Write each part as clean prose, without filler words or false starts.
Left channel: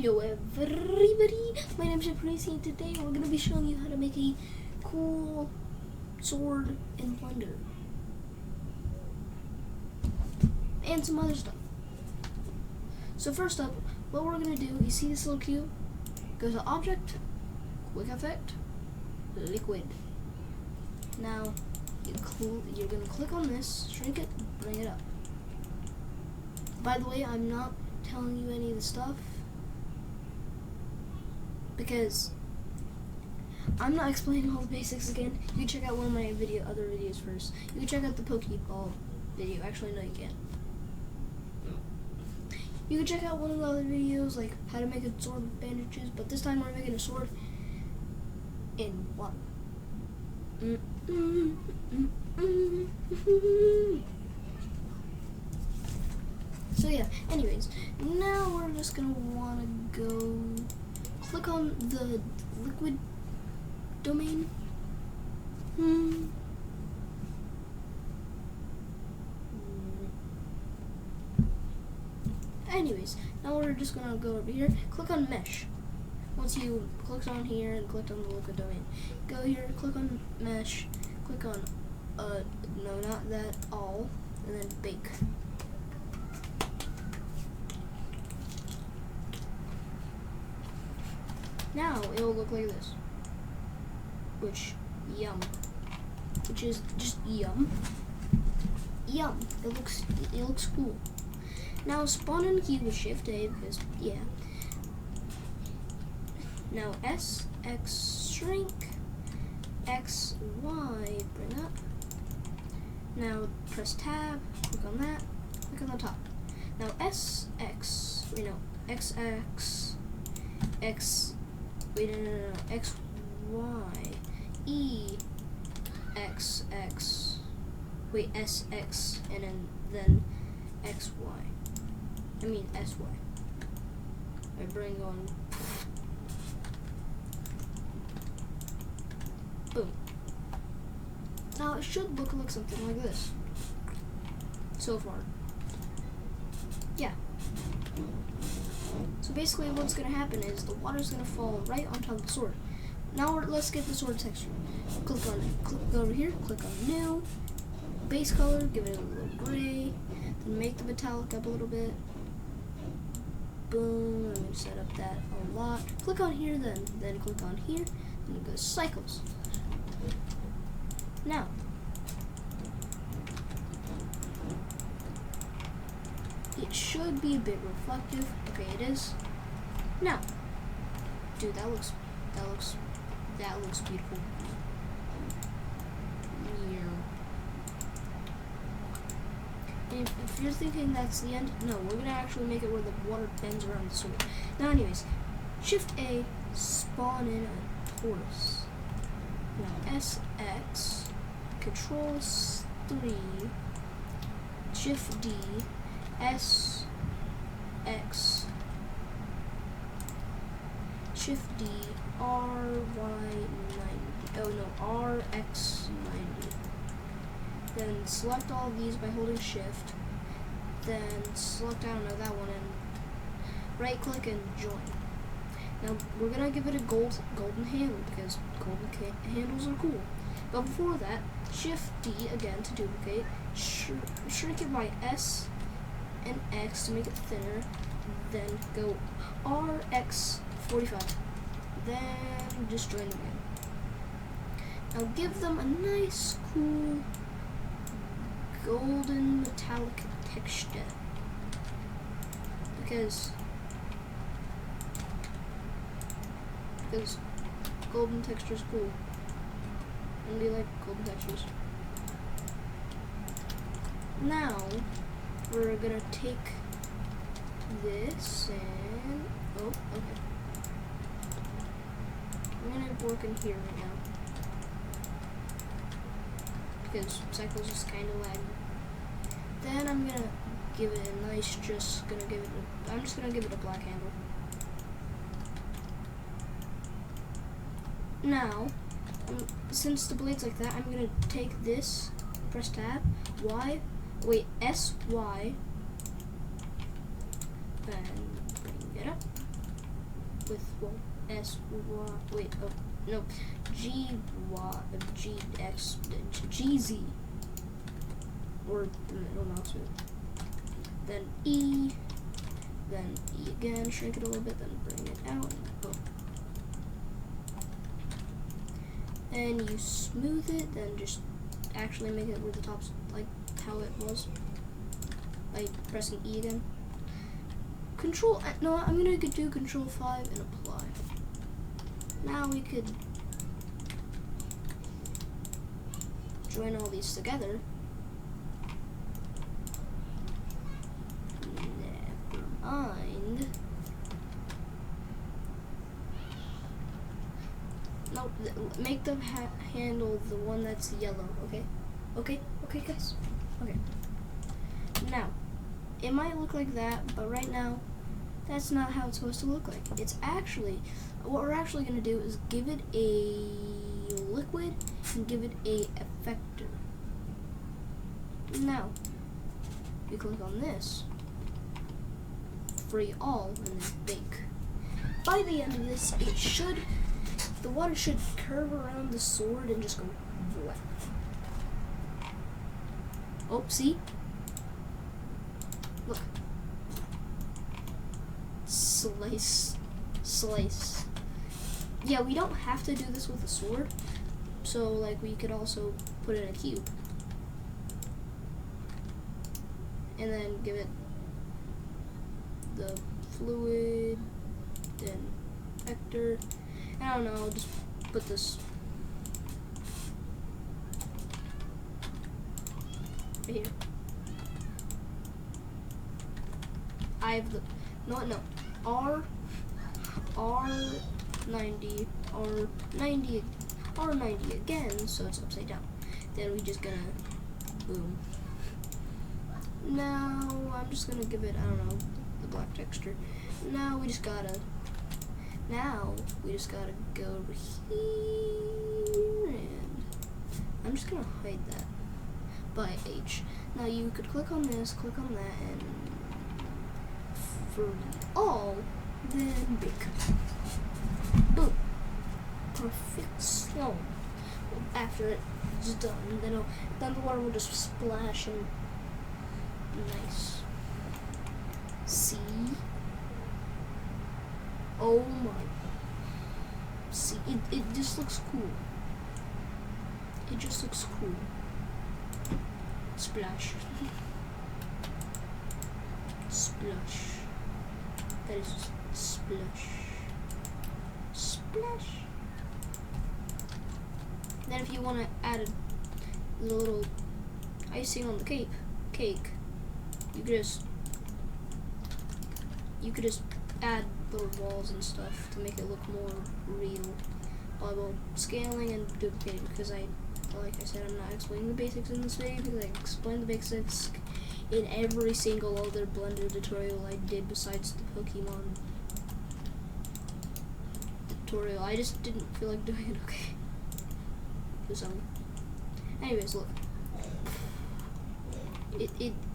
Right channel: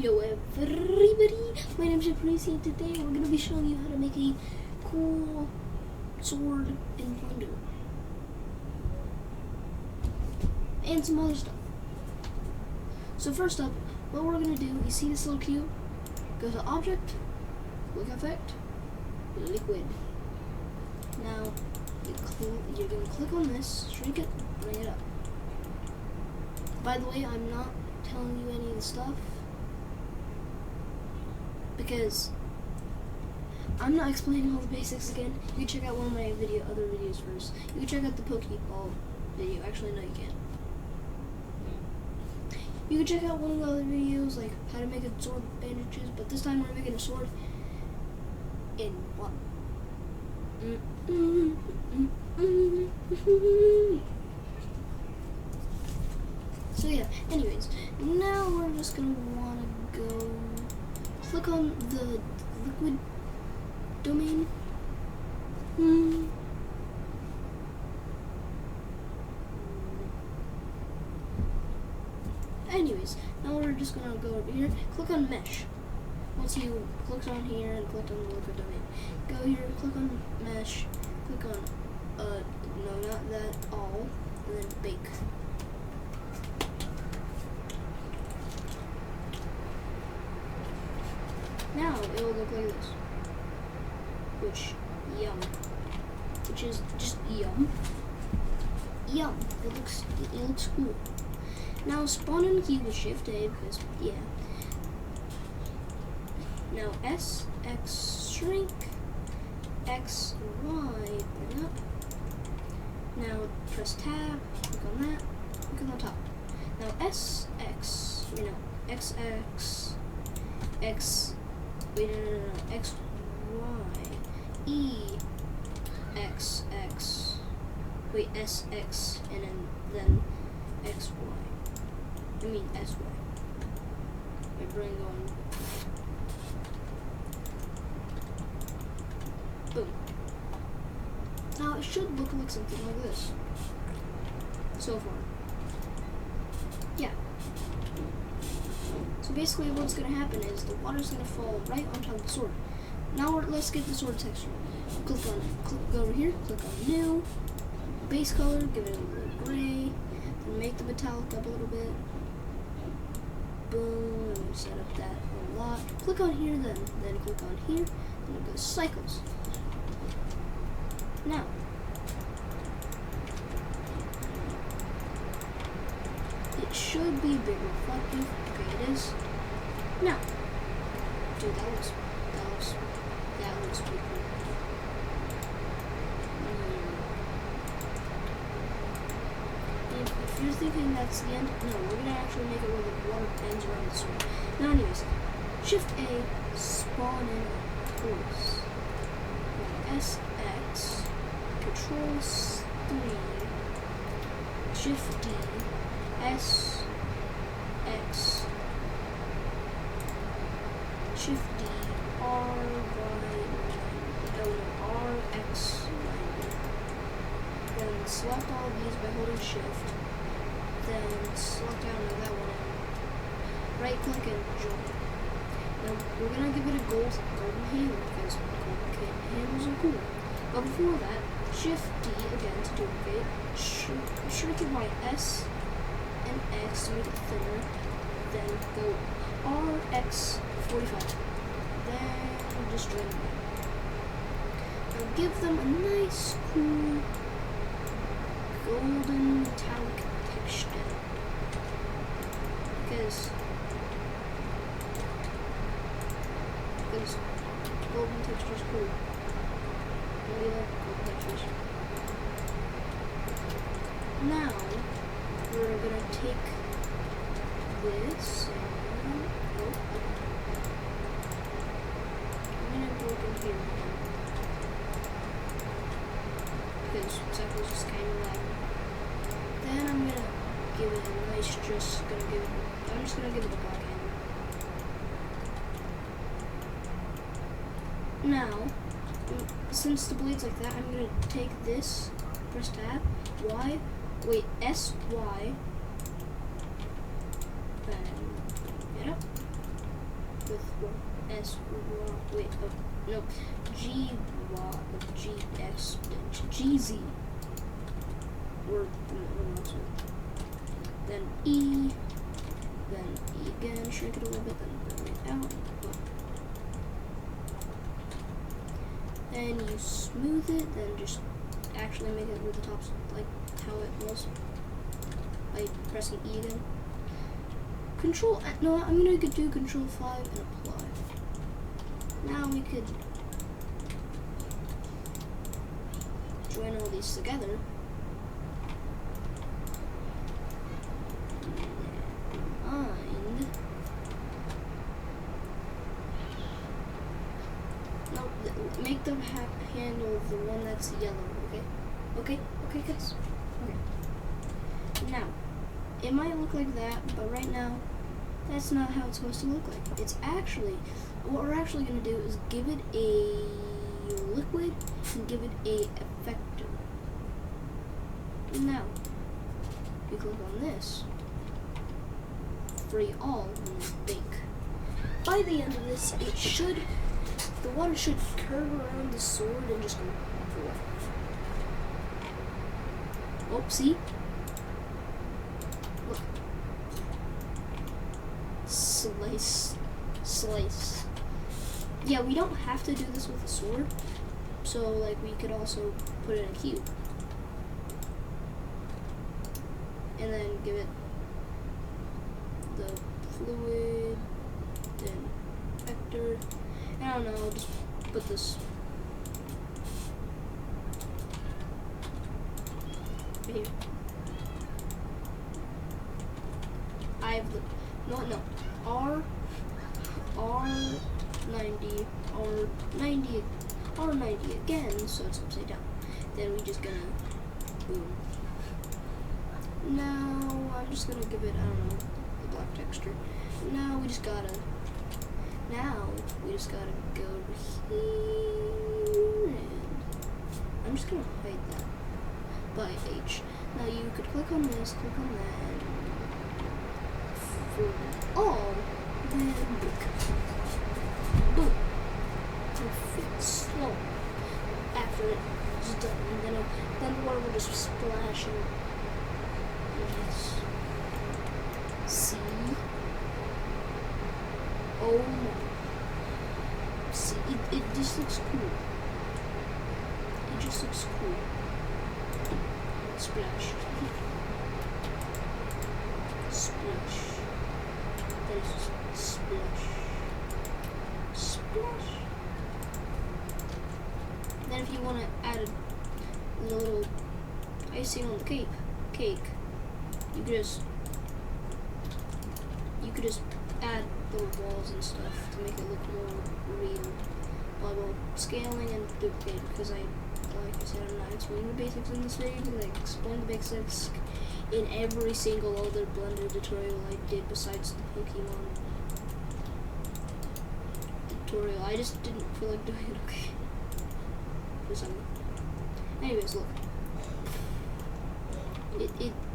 Hello everybody, my name is JPcrazy and today we're going to be showing you how to make a cool sword in Blender. And some other stuff. So first up, what we're going to do, you see this little cube? Go to Object, Quick Effect, Liquid. Now, you're going to click on this, shrink it, bring it up. By the way, I'm not telling you any of the stuff because I'm not explaining all the basics again. You can check out one of my other videos first. You can check out the Pokeball video. Actually, no, you can't. You can check out one of the other videos, like how to make a sword with bandages, but this time we're making a sword in one. So yeah, anyways, now we're just gonna wanna go click on the liquid domain. Anyways, now we're just gonna go over here, click on mesh. Once you clicked on here and clicked on the liquid domain, go here, click on mesh, click on, no, not that, all, and then bake. Now it will look like this, which is just yum. It looks cool. Now spawn in cube with Shift A because yeah. Now S X shrink, X Y bring up. Now press tab, click on that, click on the top. Now X X X Y E X X S X and then X Y. I mean S Y. My brain going. Boom. Now it should look like something like this. So far. Yeah. So basically what's going to happen is the water's going to fall right on top of the sword. Now let's get the sword texture. Click on it. Go over here, click on new, base color, give it a little gray, then make the metallic up a little bit. Boom, I'm going to set up that a lot. Click on here then click on here, and it goes cycles. Now, it should be a bit reflective. Okay, it is. Now, dude, that looks beautiful. Yeah. If you're thinking that's the end, no, we're gonna actually make it where the water bends around the sword. Now, anyways, Shift A, spawn in a torus. Now SX, Control 3, Shift D, S X, Shift D, R Y 90. Oh no, R X 90. Then select all of these by holding Shift. Then select, I don't know, that one, and right click and join. Now we're gonna give it a golden handle because golden handles are cool. But before that, Shift D again to duplicate. Shrink it by S and X to make it thinner. Then go RX45. Then just join them again. Now give them a nice, cool, golden metallic texture. Because golden texture is cool. And we like golden textures. Now we're gonna take this and okay. I'm gonna work in here again because cycle's just kind of lagging. Then I'm gonna give it a nice. I'm just gonna give it a black handle. Now, since the blade's like that, I'm gonna take this, press tab, S Y, and bring it up. with wait, oh, no, GZ, or not, then E, then E again, shrink it a little bit, then bring it out, boom. And you smooth it, then just actually make it where the top's like how it was by pressing E again. No, I'm gonna do Control 5 and apply. Now we could join all these together. Never mind. No, make the handle the one that's yellow, okay? Okay, guys? Okay. Now, it might look like that, but right now, that's not how it's supposed to look like. It's actually, what we're actually going to do is give it a liquid and give it a effector. Now, we click on this, free all, and then bake. By the end of this, the water should curve around the sword and just go voila. Oh, see? Look. Slice. Yeah, we don't have to do this with a sword. So, like, we could also put it in a cube. And then give it the fluid, then vector. I don't know, I'll just put this right here. I have the, no, R90, R90 again, so it's upside down. Then we just gonna, boom. Now, I'm just gonna give it, I don't know, the black texture. Now we just gotta go over here, and I'm just gonna hide that by H. Now you could click on this, click on that, and for all, then boom, perfect. So after it's done, then the water will just splash and nice. See? Oh my. See, it just looks cool. It just looks cool. Splash. Splash. That is just splash. Splash. Then if you want to add a little icing on the cake, you could just add little walls and stuff to make it look more real while scaling and duplicating, because like I said, I'm not explaining the basics in this video, because I explained the basics in every single other Blender tutorial I did besides the Pokemon tutorial. I just didn't feel like doing it, okay? For some. Anyways, look.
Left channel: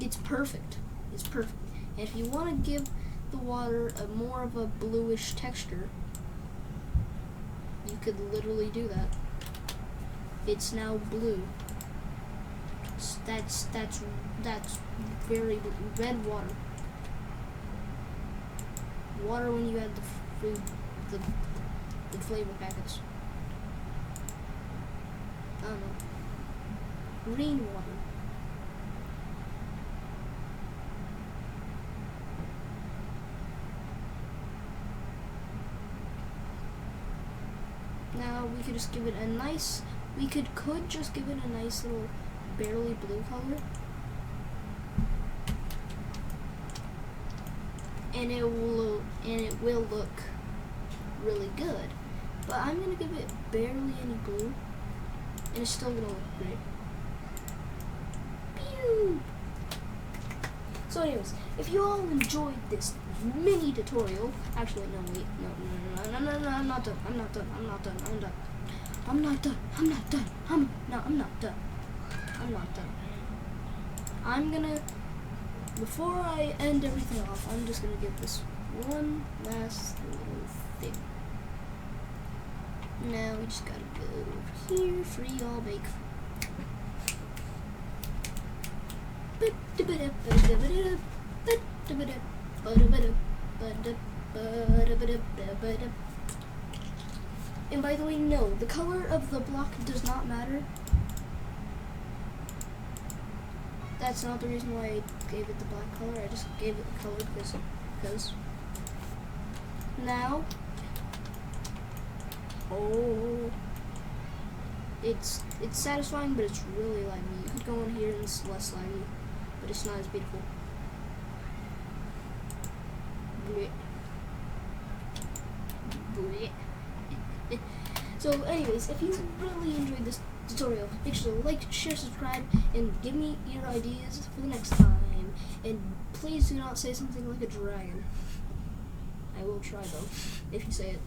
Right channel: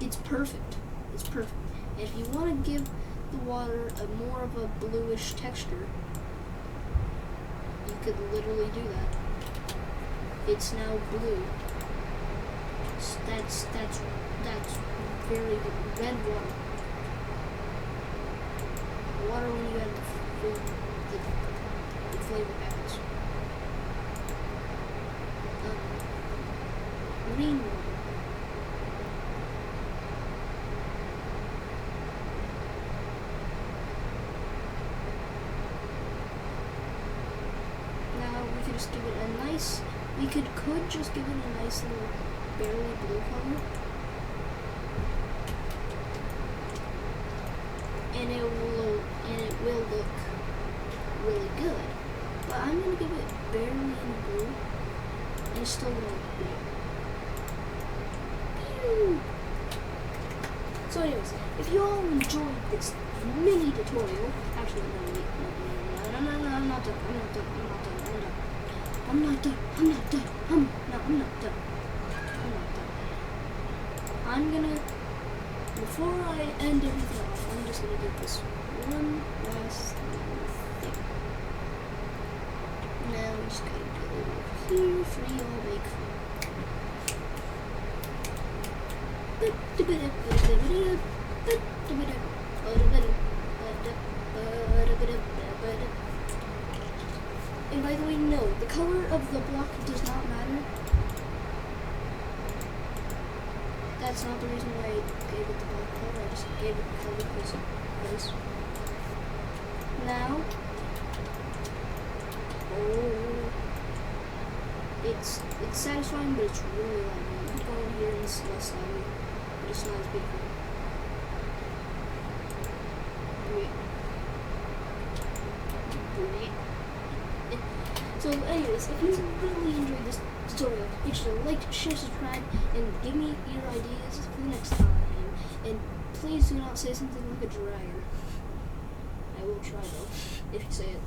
It's perfect. It's perfect. And if you want to give the water more of a bluish texture, you could literally do that. It's now blue. That's very red water. Water when you add the food, the flavor packets. Green water. Now we could just give it a nice, could just give it a nice little barely blue color. And it will look really good. But I'm gonna give it barely any blue, and it's still gonna look great. Pew! So anyways, if you all enjoyed this mini tutorial, actually no, I'm not done. I'm gonna, before I end everything off, I'm just gonna give this one last little thing. we just gotta go over here. Free, all make free. And by the way, no, the color of the block does not matter. That's not the reason why I gave it the black color. I just gave it the color because. Now, oh, it's satisfying, but it's really laggy. You could go in here and it's less laggy, but it's not as beautiful. So anyways, if you really enjoyed this tutorial, make sure to like, share, subscribe, and give me your ideas for the next time. And please do not say something like a dragon. I will try though, if you say it.